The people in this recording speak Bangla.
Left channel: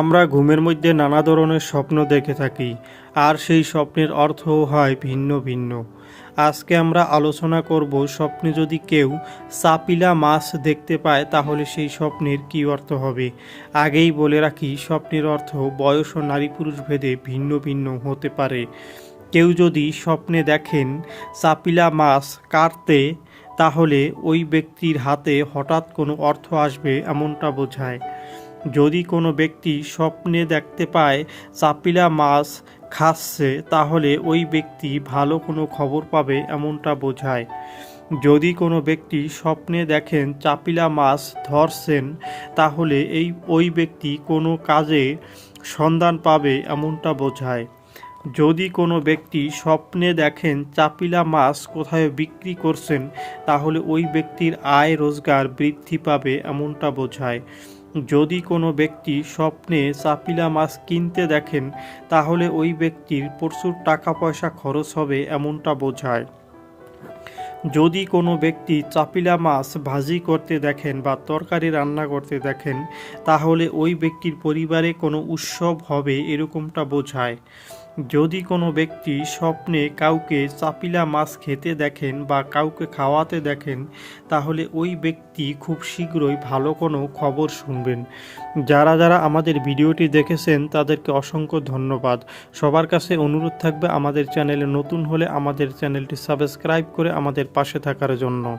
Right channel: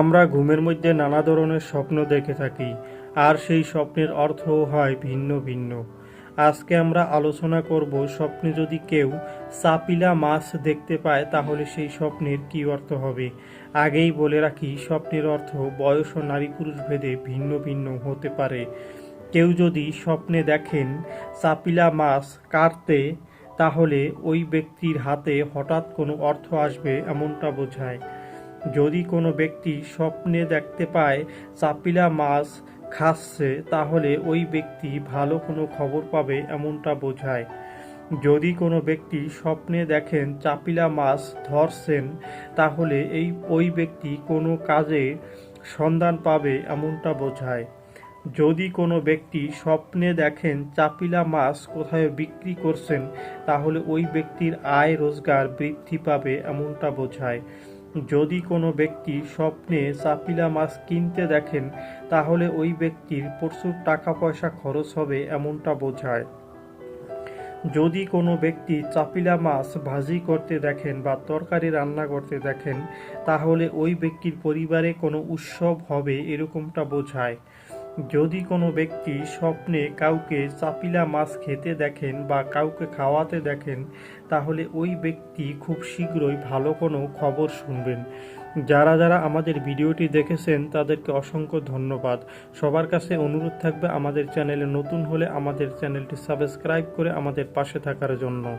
আমরা ঘুমের মধ্যে নানা ধরনের স্বপ্ন দেখে থাকি, আর সেই স্বপ্নের অর্থও হয় ভিন্ন ভিন্ন। আজকে আমরা আলোচনা করব স্বপ্নে যদি কেউ চাপিলা মাছ দেখতে পায়, তাহলে সেই স্বপ্নের কী অর্থ হবে? আগেই বলে রাখি, স্বপ্নের অর্থ বয়স ও নারী পুরুষ ভেদে ভিন্ন ভিন্ন হতে পারে। কেউ যদি স্বপ্নে দেখেন চাপিলা মাছ কাটতে, তাহলে ওই ব্যক্তির হাতে হঠাৎ কোনো অর্থ আসবে এমনটা বোঝায়। যদি কোনো ব্যক্তি স্বপ্নে দেখতে পায়, চাপিলা মাছ খাচ্ছে, তাহলে ওই ব্যক্তি ভালো কোনো খবর পাবে এমনটা বোঝায়। যদি কোনো ব্যক্তি স্বপ্নে দেখেন চাপিলা মাছ ধরছেন, তাহলে এই, ওই ব্যক্তি কোনো কাজে সন্ধান পাবে এমনটা বোঝায়। যদি কোনো ব্যক্তি স্বপ্নে দেখেন চাপিলা মাছ কোথায় বিক্রি করছেন, তাহলে ওই ব্যক্তির আয় রোজগার বৃদ্ধি পাবে এমনটা বোঝায়। যদি কোনো ব্যক্তি স্বপ্নে চাপিলা মাছ কিনতে দেখেন, তাহলে ওই ব্যক্তির প্রচুর টাকা পয়সা খরচ হবে এমনটা বোঝায়। যদি কোনো ব্যক্তি চাপিলা মাছ ভাজি করতে দেখেন বা তরকারি রান্না করতে দেখেন, তাহলে ওই ব্যক্তির পরিবারে কোনো উৎসব হবে এরকমটা বোঝায়। যদি কোনো ব্যক্তি স্বপ্নে কাউকে চাপিলা মাছ খেতে দেখেন বা কাউকে খাওয়াতে দেখেন, তাহলে ওই ব্যক্তি খুব শীঘ্রই ভালো কোনো খবর শুনবেন। যারা যারা আমাদের ভিডিওটি দেখেছেন, তাদেরকে অসংখ্য ধন্যবাদ। সবার কাছে অনুরোধ থাকবে আমাদের চ্যানেলে নতুন হলে আমাদের চ্যানেলটি সাবস্ক্রাইব করে আমাদের পাশে থাকার জন্য।